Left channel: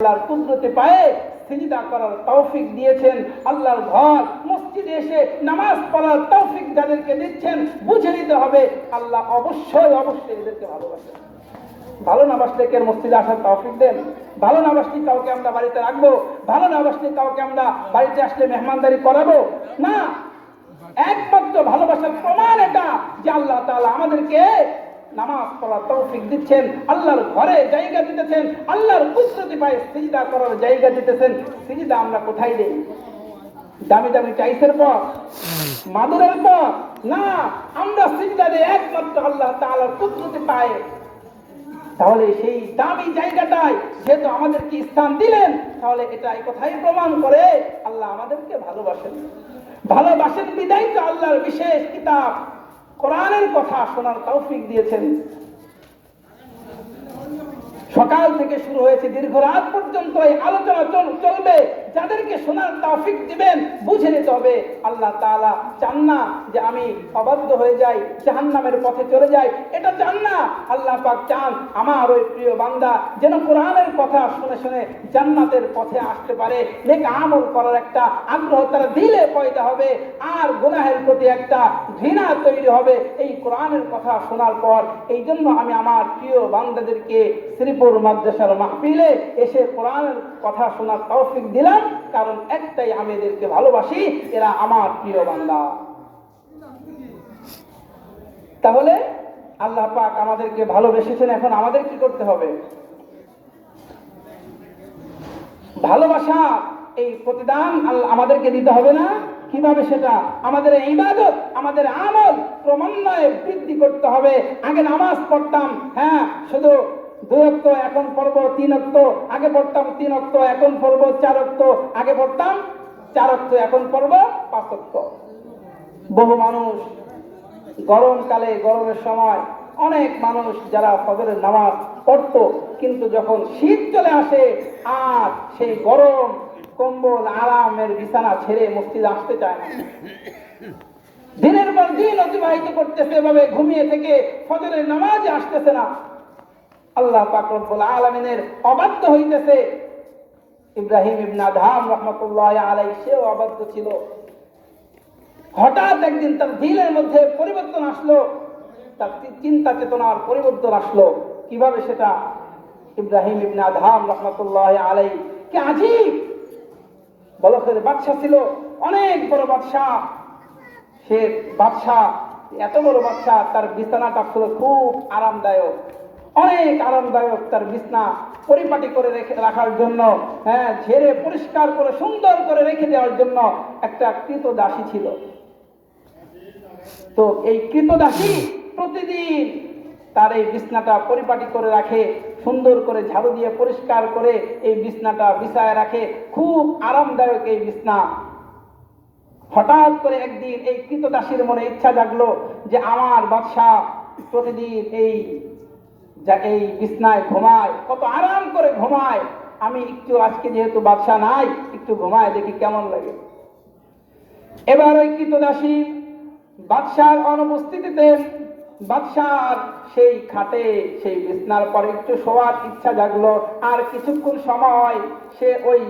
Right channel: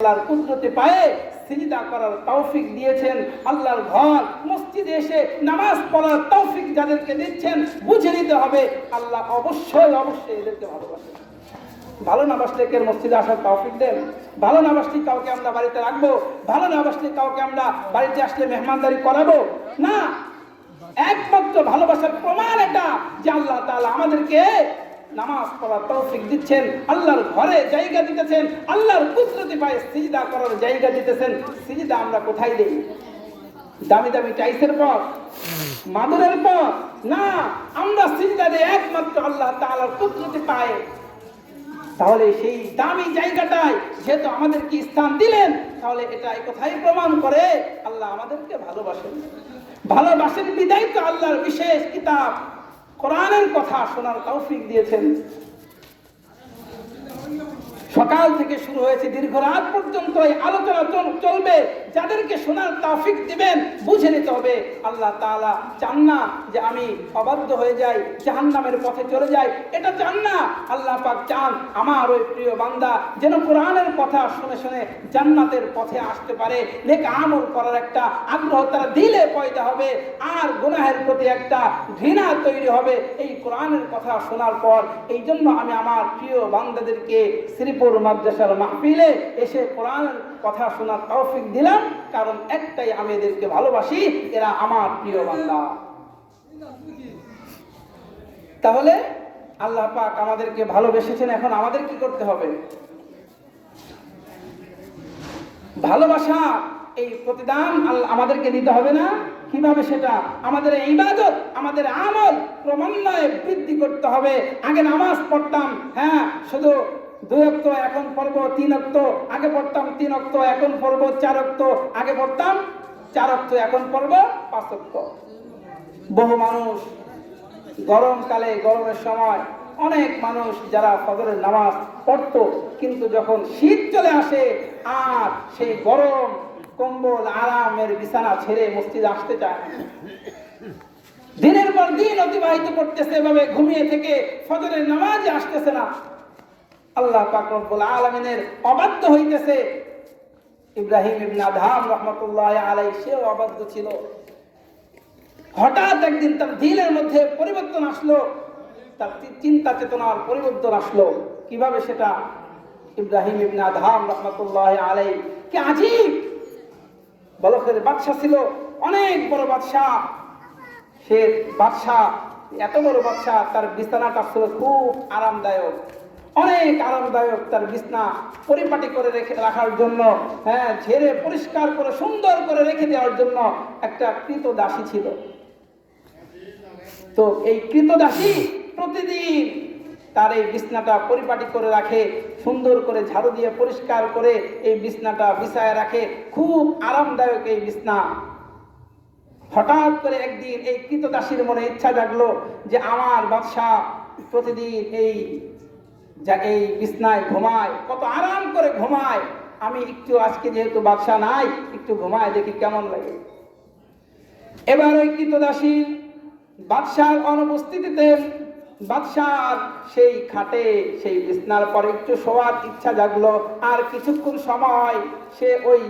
আল্লাহর কুদরতে পায়ে সিজদা করার তৌফিক দিয়েছেন। আল্লাহর ঘর মসজিদে এসে নামাজ পড়ার তৌফিক যাদেরকে দিচ্ছেন, বুঝে নিতে হবে আল্লাহ অবশ্যই এদেরকে ভালোবাসেন। ভালো না বাসলে কে মসজিদে আসার তৌফিক দেন? ভালো না বাসলে কাউকে আমরা বাড়িতে রাখবো? ভালো না বাসলে কাউকে আমরা বাড়িতে আসলে মেহমানদারি করাবো? না, একমাত্র ভালোবাসার প্রমাণ এটা যে আল্লাহ তাআলা আমাদেরকে নামাজ পড়ার তৌফিক দিচ্ছেন, আল্লাহর ঘরে জায়গা দিতেছেন, আল্লাহর কুদরতি পায়ে সিজদা করার জায়গা দিতেছেন। সিজদা আমরা কোথায় দেই? দামি দামি টাইসের পর, মাদুরের পর? না, আমরা সিজদা দেই একমাত্র আল্লাহ তাআলার কুদরতি পায়ে। তাহলে সেই দামি জায়গাটায় যেহেতু আমাদেরকে স্থান দিলেন, তাহলে এটা এই কথাই প্রমাণ করে আল্লাহ আমাদেরকে ভালোবাসেন। ভালোবাসেন বিদায় তো আল্লাহর বিশেষ কিতাব কোরআনের কথা শোনার তৌফিক দিয়েছেন। সকাল থেকে শুরু হয়েছে, দীর্ঘ রাত পর্যন্ত এই আলোচনা চলবে। যাদেরকে শোনার তৌফিক দিবেন, বুঝে নিতে হবে আল্লাহ তাআলা চান না যে আমি অবাধ্য হয়ে যাই, জাহান্নামের পথে চলে যাই। এটা চান না। আল্লাহ পাক চান আমার ওই প্রিয় বান্দা যেন কোরআনের কথা শুনে শুনে জান্নাতের পথে আসতে পারে। নেক আমল করার একটা আগ্রহ তার দিলে পয়দা হবে, আর গুনাহের প্রতি একটা ঘৃণা তৈরি হবে এই কোরআনের কথা শোনার পর। এই জন্য আমি আমার প্রিয় বান্দাদেরকে শ্রীপুর মাদ্রাসার মাহফিলে এসে কোরআনের কথা শোনার তৌফিক দিলাম, কারণ একটাই, আমি এদেরকে ভালোবাসি, এরা আমার প্রিয় বান্দা। তাহলে আল্লাহ পাক আমাদেরকে ভালোবেসেছেন, এখন আমাদের কি করতে হবে? ভালোবাসা এই প্রতিদান আমাদেরকে দিতে হবে না? কিভাবে সেটা? আমাদের ইবাদত, আমাদের আমল ক্রমান্বয়ে বৃদ্ধি করতে হবে। আগে নামাজ পড়তাম, হ্যাঁ, শুধু 2 ওয়াক্ত, এখন পড়ব 3 ওয়াক্ত। আগে পড়তাম 3 ওয়াক্ত, এখন পড়ব 4 ওয়াক্ত। আগে পড়তাম 4 ওয়াক্ত, এখন পড়ব 5 ওয়াক্ত। বহু মানুষ গরমকালে, গরমের সময় অনেক মানুষ যারা ফজরের নামাজ পড়তো, কিন্তু যখন শীত চলে আসে আর সেই গরম কম্বল আরামের বিছানা ছেড়ে মসজিদে আসতে চায় না। দিনের পর দিন অতিবাহিত করতেছে, এভাবে ঘুমিয়ে থেকে ফজরের নামাজে আসতেছে না। আল্লাহ পাক রব্বুল আলামিনের অবাধ্য হইতেছে। ইব্রাহিম ইবনে আদহাম রাহমাতুল্লাহি আলাইহি সেও অবাধ্য ছিল। হঠাৎ একদিন তার দিলের মধ্যে পরিবর্তন আসলো, তার চিন্তা চেতনার পরিবর্তন আসলো। কিভাবে সেটা? ইব্রাহিম ইবনে আদহাম রাহমাতুল্লাহি আলাইহি কি আজীব বলখের বাদশা ছিল, অনেক বড় বাদশা। সে বাদশা, এত বড় বাদশা, তার বিছানাটা ছিল খুব আরামদায়ক, অনেক আরামদায়ক। তার বিছনা পরিপাটি করে রাখার জন্য, হ্যাঁ, ঝেড়ে পরিষ্কার করে সুন্দর করে রেখে দেওয়ার জন্য একটা কৃতদাসী ছিল। তো এই কৃতদাসী প্রতিদিন তার এই বিছনাটা পরিপাটি করে রাখে, সুন্দর করে ঝাড়ু দিয়ে পরিষ্কার করে এই বিছনাটা বিছায় রাখে, খুব আরামদায়ক এই বিছনা। হঠাৎ করে একদিন এই কৃতদাসীর মনে ইচ্ছা জাগলো যে আমার বাদশা প্রতিদিন এই বিছনায় ঘুমায়, কত আরাম করে ঘুমায়, আমি একটু আজকে যেহেতু বাদশা নাই, একটু ঘুমায় দেখি কেমন লাগে। এবার ওই কৃতদাসী বাদশার অনুপস্থিতিতে বাদশার সেই খাটে, সেই বিছনার পর একটু শোয়ার ইচ্ছা জাগলো। আর কিছুক্ষণ সময় সে ওই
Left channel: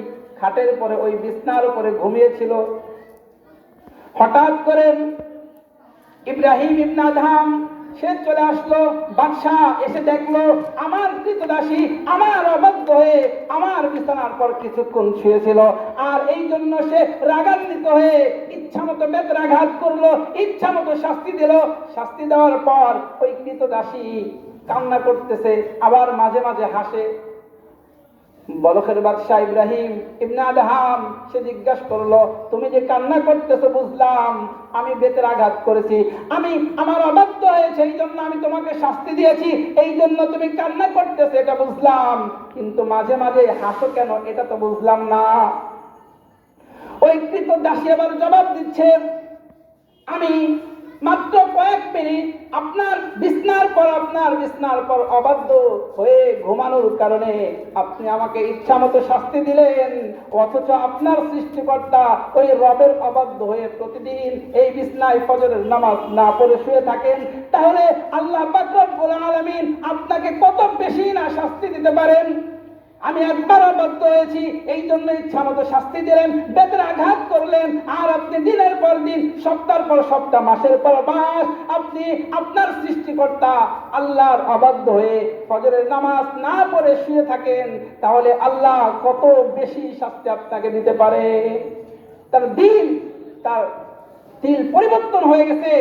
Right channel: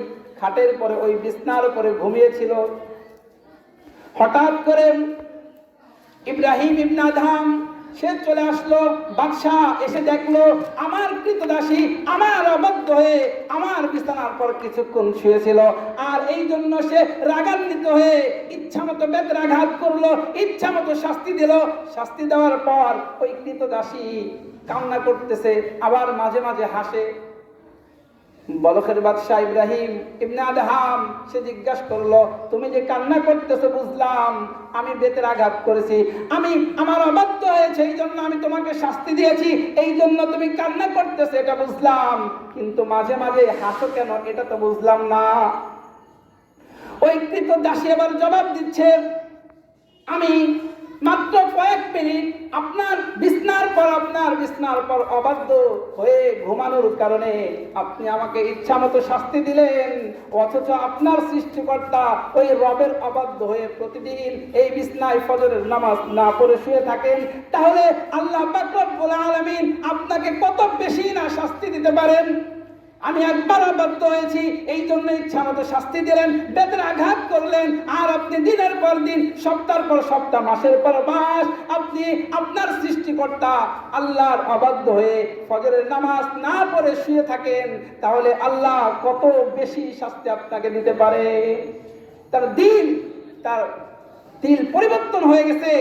খাটের পরে, ওই বিছনার উপরে ঘুমিয়েছিল। হঠাৎ করে ইব্রাহিম ইবনে আদহাম সে চলে আসলো। বাদশাহ এসে দেখলো আমার কৃতদাসী আমার অবাধ্য হয়ে আমার বিছানার পর কিছুক্ষণ শুয়েছিল, আর এই জন্য সে রাগান্বিত হয়ে ইচ্ছা মতো বেত্রাঘাত করলো, ইচ্ছা মতো শাস্তি দিল। শাস্তি দেওয়ার পর ওই কৃতদাসী কান্না করতেছে, আবার মাঝে মাঝে হাসে। বলখের বাদশাহ ইব্রাহিম ইবনে আদহাম সে জিজ্ঞাসা করলো, তুমি যে কান্না করতেছো বুঝলাম আমি বেতের আঘাত করেছি, আমি আমার অবাধ্য হয়েছে, এই জন্য আমি তোমাকে শাস্তি দিয়েছি, এই জন্য তুমি কান্না করতেছো, এটা বুঝলাম, কিন্তু মাঝে মাঝে হাসো কেন এটা তো বুঝলাম না। ওই কৃতদাসী এবার জবাব দিচ্ছে, আমি মাত্র কয়েক মিনিট আপনার বিছনার পর অবাধ্য হয়ে ঘুমানোর কারণে আপনি আমাকে ইচ্ছা মতো শাস্তি দিলেন, অথচ আপনার সৃষ্টিকর্তা ওই রবের অবাধ্য হয়ে প্রতিদিন এই বিছনায় ফজরের নামাজ না পড়ে শুয়ে থাকেন। তাহলে আল্লাহ পাক রব্বুল আলামিন আপনাকে কত বেশি না শাস্তি দিতে পারেন। আমি একবার অবাধ্য হয়েছি, এই জন্য ইচ্ছা মতো শাস্তি দিলেন, বেতের আঘাত করলেন, আর আপনি দিনের পর দিন, সপ্তাহের পর সপ্তাহ, মাসের পর মাস আপনি আপনার সৃষ্টিকর্তা আল্লাহর অবাধ্য হয়ে ফজরের নামাজ না পড়ে শুয়ে থাকেন, তাহলে আল্লাহ কত বেশি শাস্তি আপনাকে দিতে পারে। তার দিল পরিবর্তন হয়ে গেছে,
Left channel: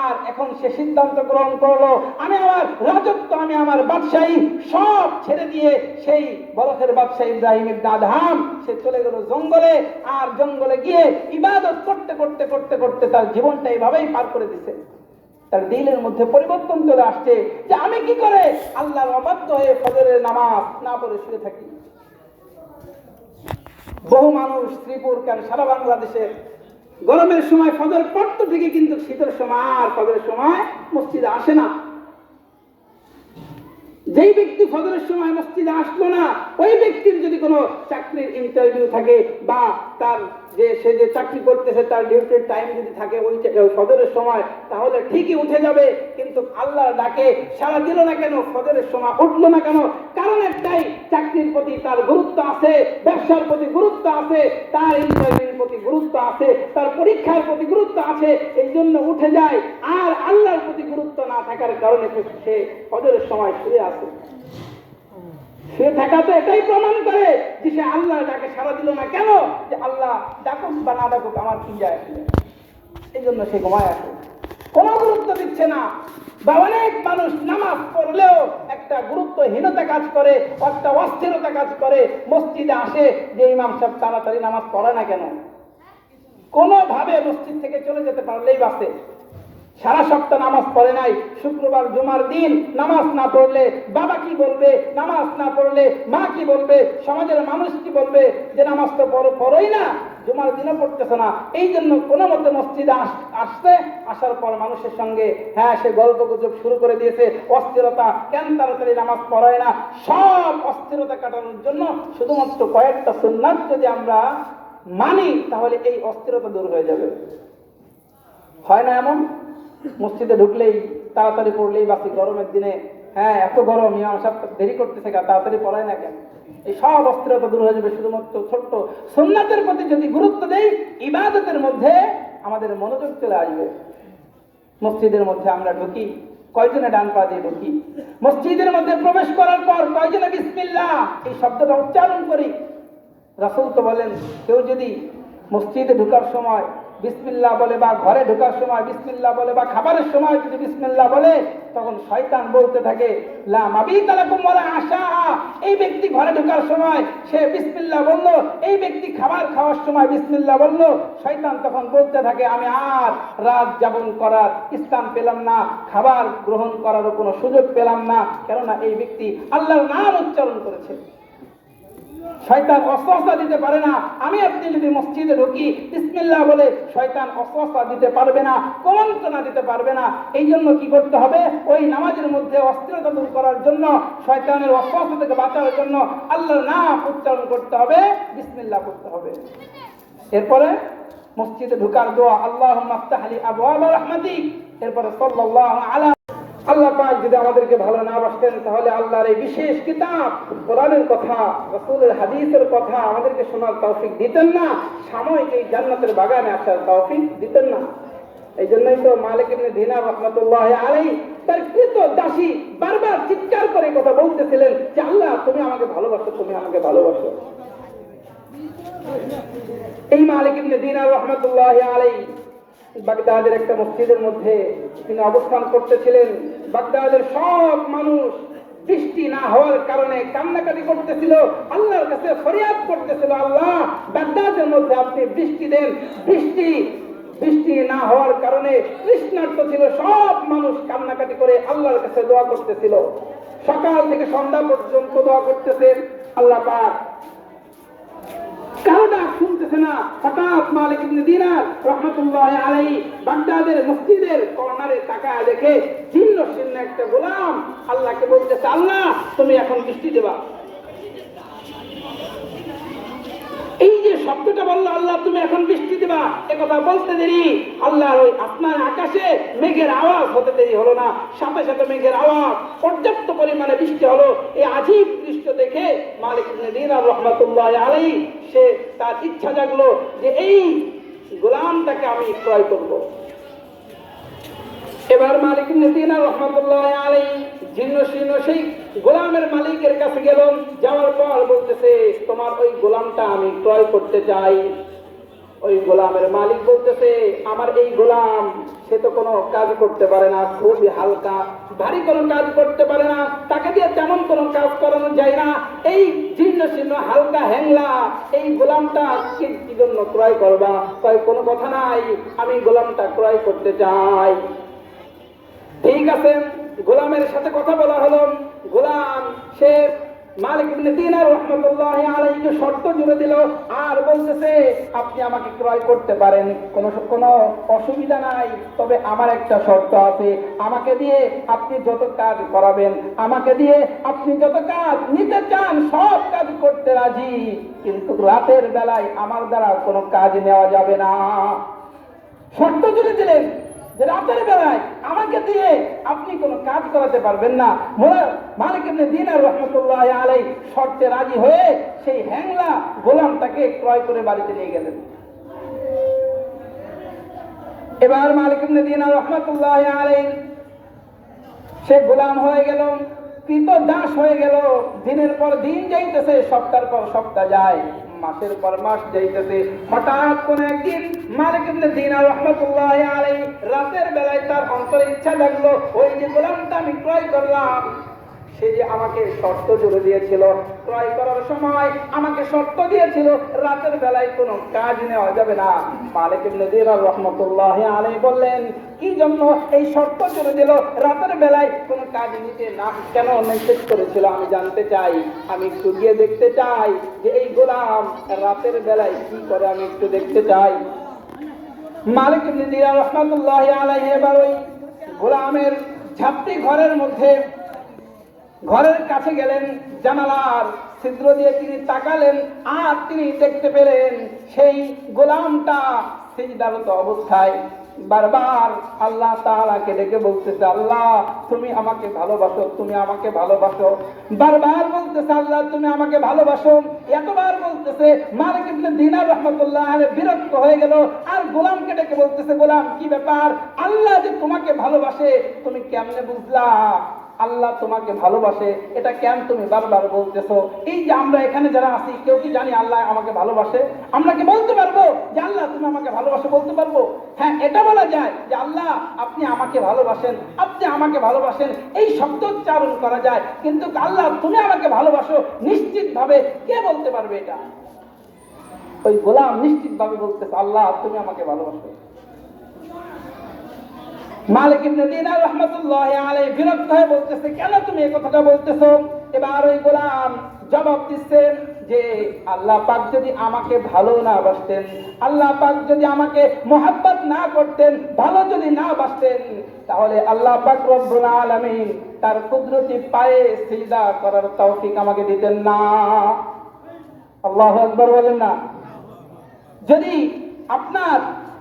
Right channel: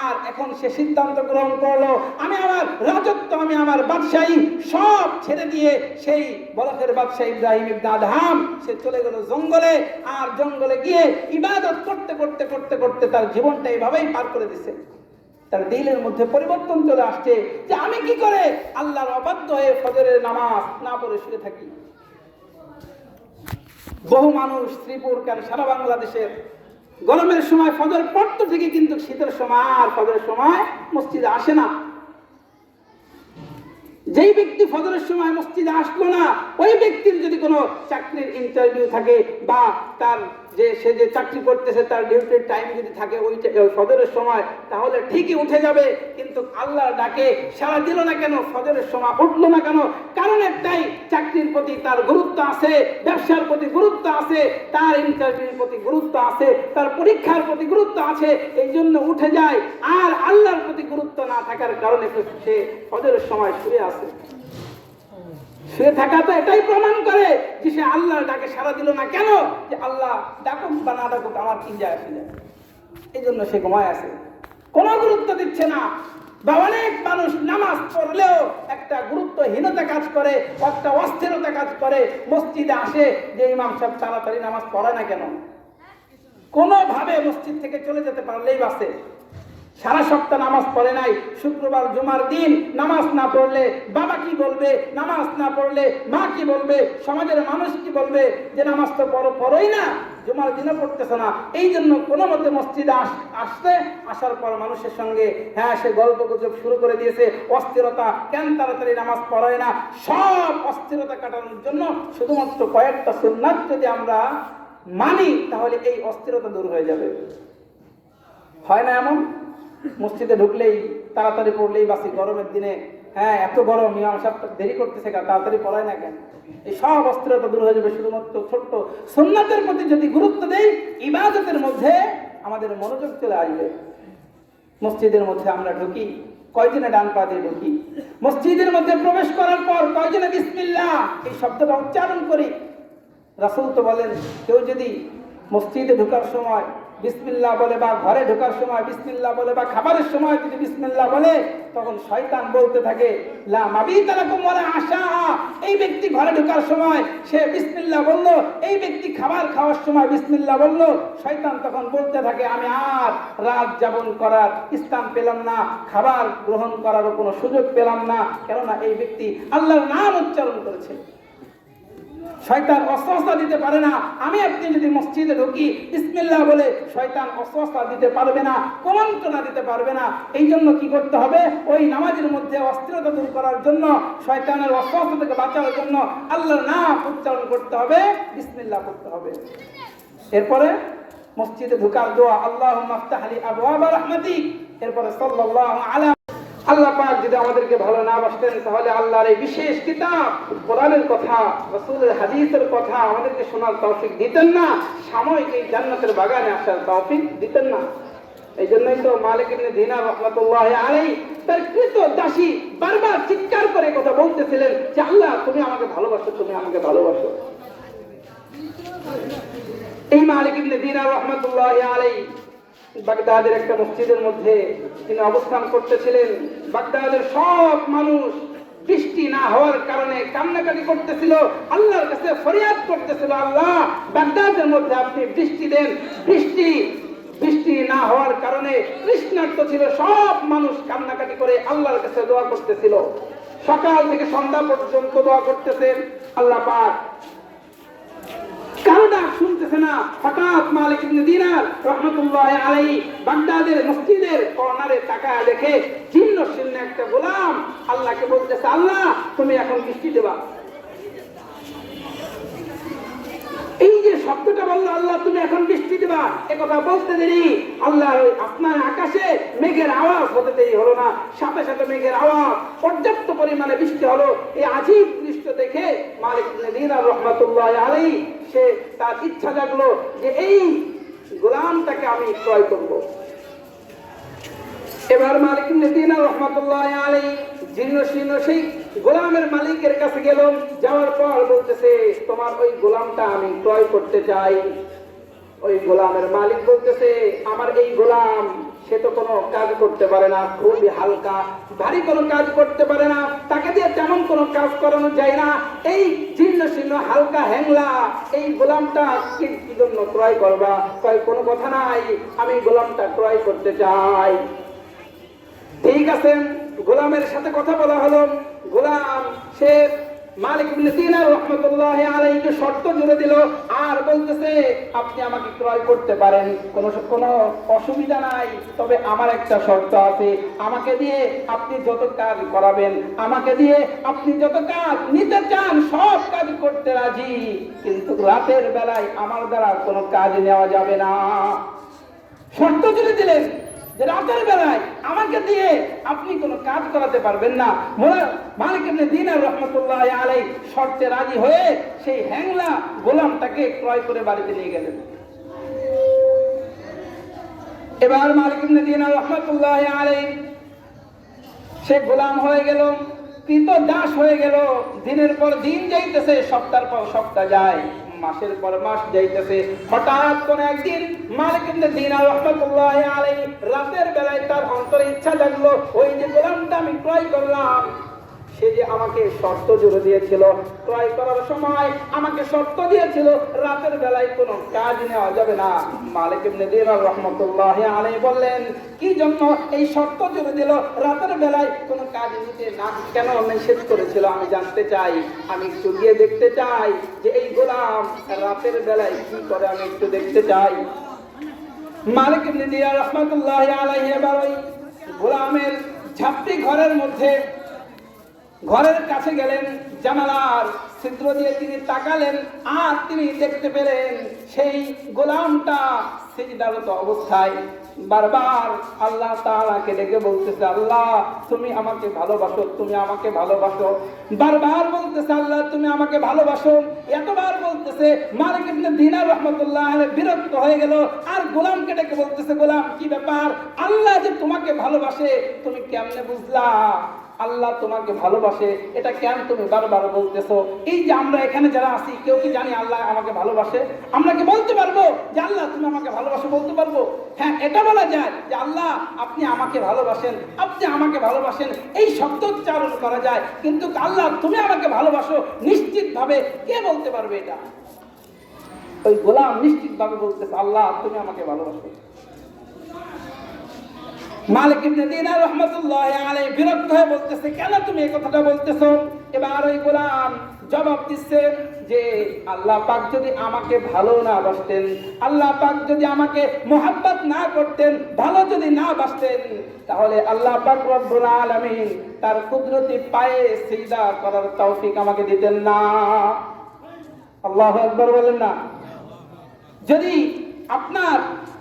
আর এখন সে সিদ্ধান্ত গ্রহণ করলো, আমি আমার রাজত্ব, আমি আমার বাদশাহী সব ছেড়ে দিয়ে সেই বরফের বাদশাহ ইব্রাহিম ইবনে আদহাম সে চলে গেল জঙ্গলে, আর জঙ্গলে গিয়ে ইবাদত করতে করতে করতে করতে তার জীবনটা এইভাবেই পার করে দিচ্ছে। তার দিলের মধ্যে পরিবর্তন চলে আসছে যে আমি কি করে আল্লাহর অবাধ্য হয়ে ফজরের নামাজ না পড়ে শুয়ে থাকি। বহু মানুষ শ্রীপুর কেন সারা বাংলাদেশের গরমের সময় ফজর পড়তে থেকে কিন্তু শীতের সময় আর ফজরের সময় মসজিদে আসে না। যেই ব্যক্তি ফজরের সময় মসজিদে আসলো না, ওই ব্যক্তির যদি কোনো চাকরির ইন্টারভিউ থাকে বা তার সে যে চাকরি করতেছে তার ডিউটির টাইম যদি থাকে ওই ফজরের সময়, তাহলে ঠিকই উঠে যাবে। কিন্তু আল্লাহ ডাকে সাড়া দিল না কেন, ফজরের সময় উঠলো না কেন? কারণ একটাই, চাকরির প্রতি তার গুরুত্ব আছে, ব্যবসার প্রতি গুরুত্ব আছে, তার ইন্টারভিউর প্রতি গুরুত্ব আছে, তার পরীক্ষার প্রতি গুরুত্ব আছে, এই জন্য উঠে যায়। আর আল্লাহর প্রতি গুরুত্ব না থাকার কারণে সে ফজরের সময় শুয়ে আছে। শুয়ে থাকা তো এটাই প্রমাণ করে যে সে আল্লাহর ডাকে সাড়া দিল না কেন, যে আল্লাহ ডাকুক বা না ডাকুক আমার কি যায় আসে, এই জন্য সে ঘুমায় আছে, কোনো গুরুত্ব দিচ্ছে না। বা অনেক মানুষ নামাজ পড়লেও একটা গুরুত্বহীনতা কাজ করে, একটা অস্থিরতা কাজ করে, মসজিদে আসে যে ইমাম সাহেব তাড়াতাড়ি নামাজ পড়ে না কেন, কোনোভাবে মসজিদ থেকে চলে যেতে পারলেই বাসে। সারা সপ্তাহ নামাজ পড়ে নাই, শুক্রবার জুমার দিন নামাজ না পড়লে বাবা কি বলবে, নামাজ না পড়লে মা কি বলবে, সমাজের মানুষ কি বলবে, যে নামাজ তো পড়োই না, জুমার দিনে পড়তেছে না। এই জন্য কোনো মতে মসজিদে আসার পর মানুষের সঙ্গে সে গল্প গুজব শুরু করে দিয়েছে, অস্থিরতা, কেন তাড়াতাড়ি নামাজ পড়ায় না। সব অস্থিরতা কাটানোর জন্য শুধুমাত্র কয়েকটা সুন্নাত যদি আমরা মানি, তাহলে এই অস্থিরতা দূর হয়ে যাবে। হয় না এমন? মসজিদে ঢুকলেই তাড়াতাড়ি পড়লেই বাসি, গরমের দিনে এত গরম, ইমাম সাহেব দেরি করতেছে, তাড়াতাড়ি পড়ায় না কেন? এই সব অস্থিরতা দূর হয়ে যাবে শুধুমাত্র ছোট্ট সুন্নাতের প্রতি যদি গুরুত্ব দেই, ইবাদতের মধ্যে আমাদের মনোযোগ চলে আসবে। মসজিদের মধ্যে আমরা ঢুকি, কয়জনে ডান পা দিয়ে ঢুকি? মসজিদের মধ্যে প্রবেশ করার পর কয়জনে বিসমিল্লাহ এই শব্দটা উচ্চারণ করি? রাসূল তো বলেন, কেউ যদি মসজিদে ঢোকার সময় বিসমিল্লাহ বলে, বা ঘরে ঢোকার সময় বিসমিল্লাহ বলে, বা খাবারের সময় যদি বিসমিল্লাহ বলে, তখন শয়তান বলতে থাকে লা মাবিতা লাকুম ওয়ালা আশা। এই ব্যক্তি ঘরে ঢোকার সময় সে বিসমিল্লাহ বলল, এই ব্যক্তি খাবার খাওয়ার সময় বিসমিল্লাহ বলল, শয়তান তখন বলতে থাকে আমি আর রাত যাপন করার স্থান পেলাম না, খাবার গ্রহণ করার কোনো সুযোগ পেলাম না, কেননা এই ব্যক্তি আল্লাহর নাম উচ্চারণ করেছে। শয়তান ওয়াসওয়াসা দিতে পারে না। আমি আপনি যদি মসজিদে ঢুকি বিসমিল্লাহ বলে, শয়তান ওয়াসওয়াসা দিতে পারবে না, কুমন্ত্রণা দিতে পারবে না। এই জন্য কি করতে হবে? ওই নামাজের মধ্যে অস্থিরতা দূর করার জন্য, শয়তানের ওয়াসওয়াসা থেকে বাঁচার জন্য আল্লাহর নাম উচ্চারণ করতে হবে, বিসমিল্লাহ করতে হবে। এরপরে মসজিদে ঢোকার দোয়া আল্লাহুম্মা আফতাহ লি আবওয়াব রাহমাতিক, এরপরে সাল্লাল্লাহু আলা। আল্লাহ পাক যদি আমাদেরকে ভালো না বাসতেন, তাহলে আল্লাহর এই বিশেষ কিতাব কোরআনের কথা, রাসূলের হাদিসের কথা আমাদেরকে শোনার তৌফিক দিতেন না, সাময়িক এই জান্নাতের বাগানে আসার তৌফিক দিতেন না। এই জন্যই তো মালিক ইবনে দিনার রাহমাতুল্লাহি আলাইহি তার কৃত দাসী বারবার চিৎকার করে কথা বলতেছিলেন যে আল্লাহ তুমি আমাকে ভালোবাসো, তুমি আমাকে ভালোবাসো। এই মালিক ইবনে দিনার রাহমাতুল্লাহি আলাইহি বাগদাদের একটা মসজিদের মধ্যে তিনি অবস্থান করতেছিলেন। বাগদাদের সব মানুষ বৃষ্টি না হওয়ার কারণে কান্নাকাটি করতেছিল, আল্লাহর কাছে ফরিয়াদ করতেছিল, আল্লাহ বাগদাদের মধ্যে আপনি বৃষ্টি দেন। বৃষ্টি না হওয়ার কারণে তৃষ্ণার্ত ছিল সব মানুষ, কান্নাকাটি করে আল্লাহর কাছে দোয়া করতেছিল। সকাল থেকে সন্ধ্যা পর্যন্ত দোয়া করতেছেন, আল্লাহ পাক কারো ডাক শুনতেছে না। হঠাৎ মালিক ইবনে দিনার রাহমাতুল্লাহি আলাইহি বাগদাদের মসজিদের কর্নারে তাকায় দেখে জীর্ণ শীর্ণ একটা গোলাম আল্লাহকে বলতেছে, আল্লাহ তুমি এখন বৃষ্টি দেবা। এই যে শব্দটা বললো আল্লাহ তুমি এখন বৃষ্টি দিবা, একথা বলতে দেরি আল্লাহ ওই আপনার আকাশে মেঘের আওয়াজ হতে দেরি হলো না, সাথে সাথে মেঘের আওয়াজ, পর্যাপ্ত পরিমাণে বৃষ্টি হলো। এই আজীব দৃশ্য দেখে মালিক ইবনে দিনার রাহমাতুল্লাহ আলাইহি সে তার ইচ্ছা জাগলো যে এই গোলামটাকে আমি ক্রয় করব। এবার মালিক ইবনে দিনার রাহমাতুল্লাহ আলাইহি জীর্ণ শীর্ণ সেই গোলামের মালিকের কাছে গেল, যাওয়ার পর বলতেছে তোমার ওই গোলামটা আমি ক্রয় করতে চাই। ওই গোলামের মালিক বলতেছে আমার এই গোলাম সে তো কোনো কাজ করতে পারে না, খুবই হালকা, ভারী কোনো কাজ করতে পারে না, তাকে দিয়ে তেমন কোনো কাজ করানো যায় না, এই জীর্ণ শীর্ণ হালকা হ্যাংলা এই গোলামটা কি জন্য ক্রয় করবা? কোনো কথা নাই, আমি গোলামটা ক্রয় করতে চাই। ঠিক আছে, গোলামের সাথে কথা বলা হলো। গোলাম সে মালিক ইবনে দিনার রাহমাতুল্লাহ আলাইহিকে শর্ত জুড়ে দিল আর বলতেছে আপনি আমাকে ক্রয় করতে পারেন, কোনো অসুবিধা নাই, তবে আমার একটা শর্ত আছে, আমাকে দিয়ে আপনি যত কাজ করাবেন, আমাকে দিয়ে আপনি যত কাজ নিতে চান সব কাজ করতে রাজি, কিন্তু রাতের বেলায় আমার দ্বারা কোনো কাজ নেওয়া যাবে না। শর্ত জুড়ে দিলেন যে রাতের বেলায় আমাকে দিয়ে আপনি কোনো কাজ করাতে পারবেন না। মালিক ইবনে দিনার রাহমাতুল্লাহ আলাইহি শর্তে রাজি হয়ে সেই হ্যাংলা গোলামটাকে ক্রয় করে বাড়িতে নিয়ে গেলেন। এবার মালিক ইবনে দিনার রাহমাতুল্লাহ আলাইহি সে গোলাম হয়ে গেল, কিন্তু দাস হয়ে গেল। দিনের পর দিন যাইতেছে, সপ্তাহের পর সপ্তাহ যায়, মাসের পর মাস যাইতেছে। হঠাৎ কোন একদিন মালিক ইবনে দিনার রাহমাতুল্লাহ আলাইহি রাতের বেলায় তার অন্তরে ইচ্ছা জাগলো ওই যে গোলামটা আমি ক্রয় করলাম সে যে আমাকে শর্ত জুড়ে দিয়েছিল, ক্রয় করার সময় আমাকে শর্ত দিয়েছিল রাতের বেলায় কোনো কাজ নেওয়া যাবে না। মালিক ইবনে দিনার রাহমাতুল্লাহ আলাইহি বললেন কি জন্য এই শর্ত জুড়ে দিল, রাতের বেলায় কোনো কাজ নিতে না কেন নিষেধ করেছিল আমি জানতে চাই, আমি একটু গিয়ে দেখতে চাই যে এই গোলাম রাতের বেলায় কি করে, আমি একটু দেখতে চাই। মালিক ইবনে দিনার রাহমাতুল্লাহ আলাইহি এবার ওই গোলামের ঝাপটি ঘরের কাছে গেলেন, জানালার ছিদ্র দিয়ে তিনি তাকালেন আর তিনি দেখতে পেলেন সেই গোলামটা সিজদারত অবস্থায় বারবার আল্লাহ তাআলাকে ডেকে বলতেছে আল্লাহ তুমি আমাকে ভালোবাসো, তুমি আমাকে ভালোবাসো, বারবার বলতেছে আল্লাহ তুমি আমাকে ভালোবাসো। এতবার বলতেছে মালিক ইবনে দিনার রাহমাতুল্লাহ আলাইহি বিরক্ত হয়ে গেল আর গোলামকে ডেকে বলতেছে গোলাম কি ব্যাপার, আল্লাহ যে তোমাকে ভালোবাসে তুমি কেমনে বুঝলা? আল্লাহ তোমাকে ভালোবাসে এটা কেন তুমি বারবার বলতেছো? এই যে আমরা এখানে যারা আছি কেউ কি জানি আল্লাহ আমাকে ভালোবাসে? আমরা কি বলতে পারবো যে আল্লাহ তুমি আমাকে ভালোবাসো? বলতে পারবো? হ্যাঁ, এটা বলা যায় যে আল্লাহ আপনি আমাকে ভালোবাসেন, আপনি আমাকে ভালোবাসেন, এই শব্দ উচ্চারণ করা যায়, কিন্তু আল্লাহ তুমি আমাকে ভালোবাসো নিশ্চিত ভাবে কে বলতে পারবে? এটা ওই গোলাম নিশ্চিত ভাবে বলতেছে আল্লাহ তুমি আমাকে ভালোবাসো। মালিক ইবনে দিনার রাহমাতুল্লাহ আলাইহি বিরক্ত হয়ে বলতেছে কেন তুমি এই কথাটা বলতেছো? এবার ওই গোলাম জবাব দিচ্ছে যে আল্লাহ পাক যদি আমাকে ভালো না বাসতেন, আল্লাহ পাক যদি আমাকে মোহাব্বত না করতেন, ভালো যদি না বাসতেন, তাহলে আল্লাহ পাক রব্বুল আলামিন তার কুদরতি পায়ে সিজদা করার তৌফিক আমাকে দিতেন না। আল্লাহু আকবার বলেন না। যদি আপনার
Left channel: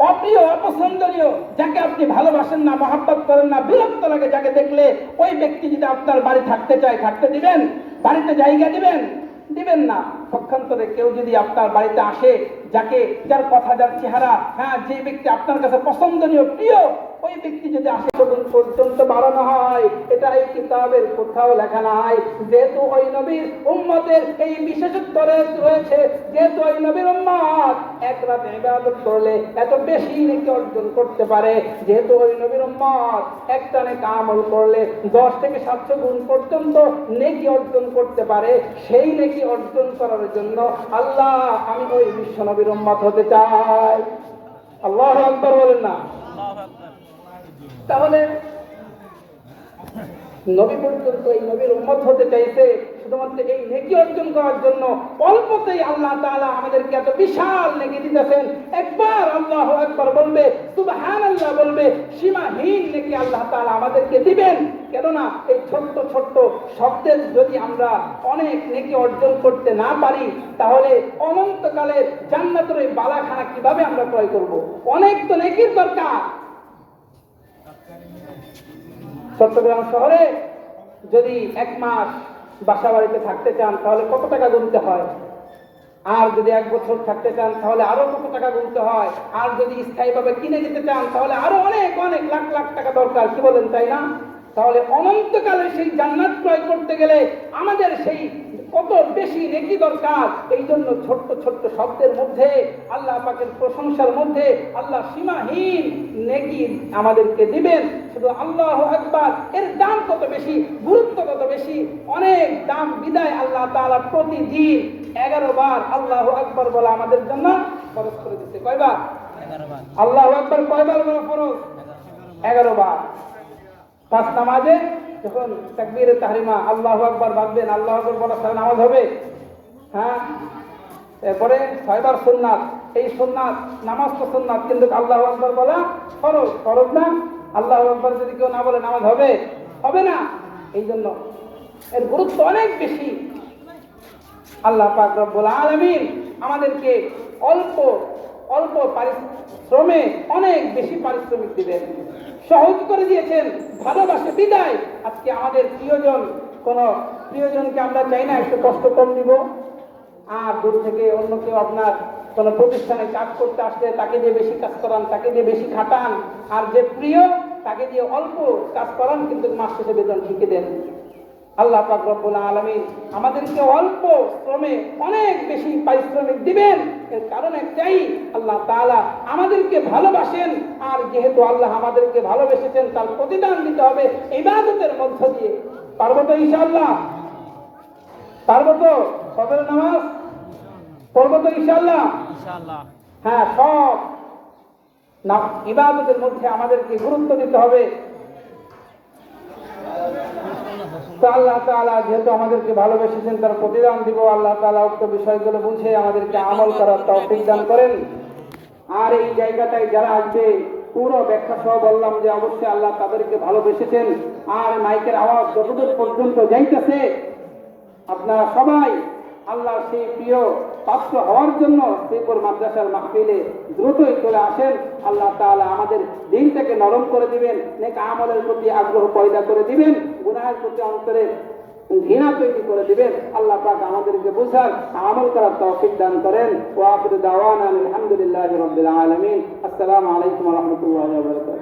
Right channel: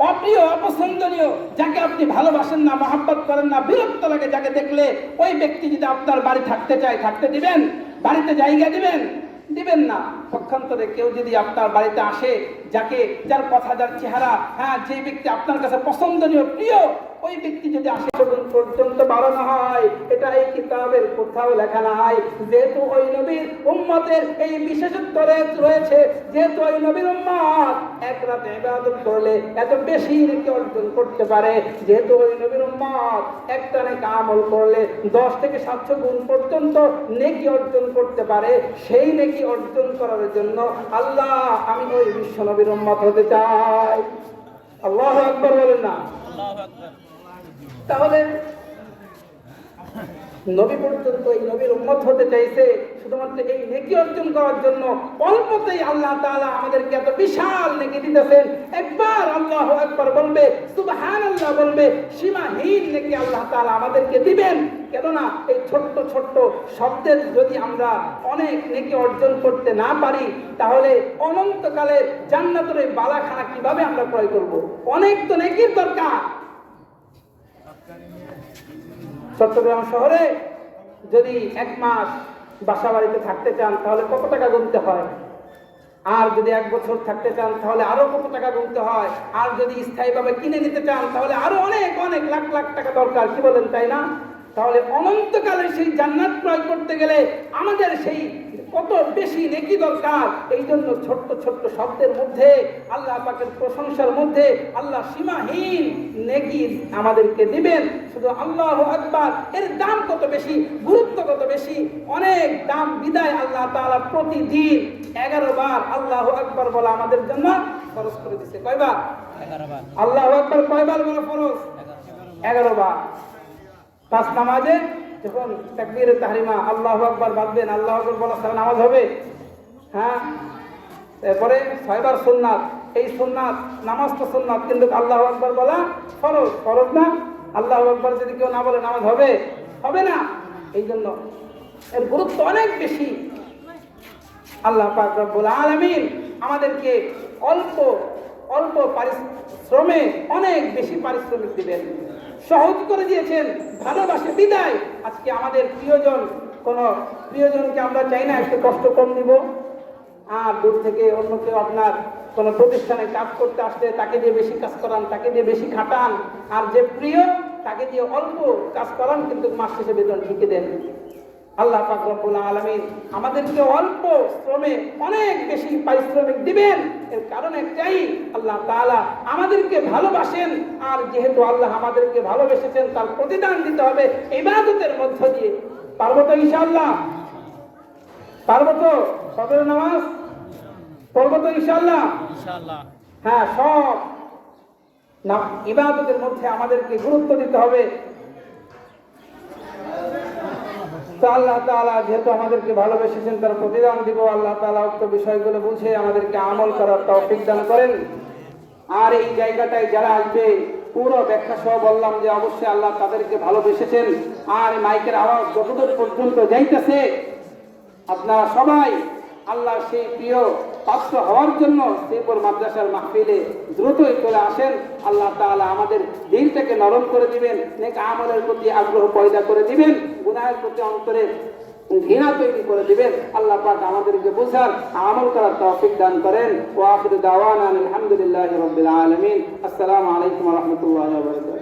অপ্রিয় অপছন্দনীয় যাকে আপনি ভালোবাসেন না, মহব্বত করেন না, বিরক্ত লাগে যাকে দেখলে, ওই ব্যক্তি যদি আপনার বাড়ি থাকতে চায় থাকতে দিবেন? বাড়িতে জায়গা দিবেন? দিবেন না। পক্ষান্তরে কেউ যদি আপনার বাড়িতে আসে যার কথা যার চেহারা যে ব্যক্তি আপনার কাছে পছন্দনীয় প্রিয়, ওই ব্যক্তি যদি আসে পর্যন্ত বাড়ানো হয়, এটা এই কিতাবের কোথাও লেখা নাই। যেহেতু ওই নবীর উম্মতের এই বিশেষত্ব রয়েছে, যেহেতু ওই নবীর উম্মত এক রাতে ইবাদত করলে এত বেশি নেকি অর্জন করতে পারে, যেহেতু ওই নবীর উম্মত একটা নেক আমল করলে 10 থেকে 700 গুণ পর্যন্ত নেকি অর্জন করতে পারে, সেই নেকি অর্জন করার জন্য আল্লাহ আমি ওই বিশ্ব নবীর উম্মত হতে চাই। আল্লাহু আকবার বলেন না। তাহলে নবী পর্যন্ত এই নবীর উম্মত হতে চাইছে, শুধুমাত্র এই নেকি অর্জন করার জন্য অল্পতেই আল্লাহ তাআলা আমাদেরকে এত বিশাল নেকি দিতেছেন। একবার আল্লাহু আকবার বলবে, সুবহানাল্লাহ বলবে, সীমাহীন নেকি আল্লাহ তাআলা আমাদেরকে দিবেন। কেননা এই ছোট্ট ছোট্ট শব্দের যদি আমরা অনেক নেকি অর্জন করতে না পারি, তাহলে অনন্তকালের জান্নাতের এই বালাখানা কিভাবে আমরা ক্রয় করব? অনেক তো নেকির দরকার। চট্টগ্রাম শহরে যদি 1 মাস বাসা বাড়িতে থাকতে চান তাহলে কত টাকা গুনতে হয়, আর যদি 1 বছর থাকতে চান তাহলে আরো কত টাকা গুনতে হয়, আর যদি স্থায়ীভাবে কিনে নিতে চান তাহলে আরো অনেক অনেক লাখ লাখ টাকা দরকার, কি বলেন তাই না? তাহলে অনন্তকালে সেই জান্নাত ক্রয় করতে গেলে আমাদের সেই কত বেশি নেকি দরকার। এই জন্য ছোট্ট ছোট্ট শব্দের মধ্যে, আল্লাহ পাকের প্রশংসার মধ্যে আল্লাহ সীমাহীন নেকি আমাদেরকে দিবেন। শুধু আল্লাহু আকবার এর দাম কত বেশি, গুরুত্ব কত বেশি, অনেক দাম বিদায় আল্লাহ তাআলা প্রতিদিন 11 বার আল্লাহু আকবার বলা আমাদের জন্য ফরজ করে দিয়েছে। কয়বার? 11 বার। আল্লাহু আকবার কয়বার বলা ফরজ? 11 বার। 5 নামাজে যখন তাকবীরে তাহরিমা আল্লাহু আকবার বাঁধবেন, আল্লাহু আকবার বলা ছাড়া নামাজ হবে? হ্যাঁ। এরপরে 6 বার সুন্নাত। এই সুন্নাত, নামাজ তো সুন্নাত, কিন্তু আল্লাহু আকবার বলা ফরজ। ফরজ না? আল্লাহু আকবার যদি কেউ না বলে নামাজ হবে? হবে না। এই জন্য এর গুরুত্ব অনেক বেশি। আল্লাহ পাক রব্বুল আলামিন আমাদেরকে অল্প অল্প পারিশ্রমে অনেক বেশি পারিশ্রমিক দিবেন, সহজ করে দিয়েছেন। ভালোবাসে বিদায় আজকে আমাদের প্রিয়জনকে আমরা চাই না একটু কষ্ট কম দিব। আর দূর থেকে অন্য কেউ আপনার কোনো প্রতিষ্ঠানে কাজ করতে আসলে তাকে দিয়ে বেশি কাজ করান, তাকে দিয়ে বেশি খাটান, আর যে প্রিয় তাকে দিয়ে অল্প কাজ করান, কিন্তু মাস শেষে বেতন ঠিকই দেন। আল্লাহ পাক রব্বুল আলামিন আমাদেরকে অল্প শ্রমে অনেক বেশি পারিশ্রমিক দিবেন। এর কারণ একটাই, আল্লাহ তাআলা আমাদেরকে ভালোবাসেন, আর যেহেতু আল্লাহ আমাদেরকে ভালোবেসেছেন তার প্রতিদান দিতে হবে ইবাদতের মধ্য দিয়ে। পারবো তো ইনশাআল্লাহ? পারবো তো? ফজরের নামাজ পড়বো তো ইনশাআল্লাহ? ইনশাআল্লাহ। হ্যাঁ, সব ইবাদতের মধ্যে আমাদেরকে গুরুত্ব দিতে হবে। তো আল্লাহ তাআলা যেহেতু আমাদেরকে ভালোবেসেছেন তার প্রতিদান দিব। আল্লাহ তাআলা উক্ত বিষয়গুলো বুঝে আমাদেরকে আমল করার তৌফিক দান করেন। আর এই জায়গাটায় যারা আসবে পুরো ব্যাখ্যা সহ বললাম যে অবশ্যই আল্লাহ তাদেরকে ভালোবেসেছেন। আর মাইকের আওয়াজ যতদূর পর্যন্ত যাইতেছে, আপনারা সবাই আল্লাহ সেই প্রিয় পাত্র হওয়ার জন্য শ্রীপুর মাদ্রাসার মাহফিলে দ্রুতই চলে আসেন। আল্লাহ তাআলা আমাদের দিলটাকে নরম করে দিবেন, নেক আমলের প্রতি আগ্রহ পয়দা করে দিবেন, গুনাহের প্রতি অন্তরে ঘৃণা তৈরি করে দিবেন। আল্লাহ পাক আমাদেরকে বুঝার আমল করার তৌফিক দান করেন। ওয়া আখিরু দাওয়ানা আলহামদুলিল্লাহি রাব্বিল আলামিন। আসসালামু আলাইকুম ওয়া রাহমাতুল্লাহি ওয়া বারাকাতুহু।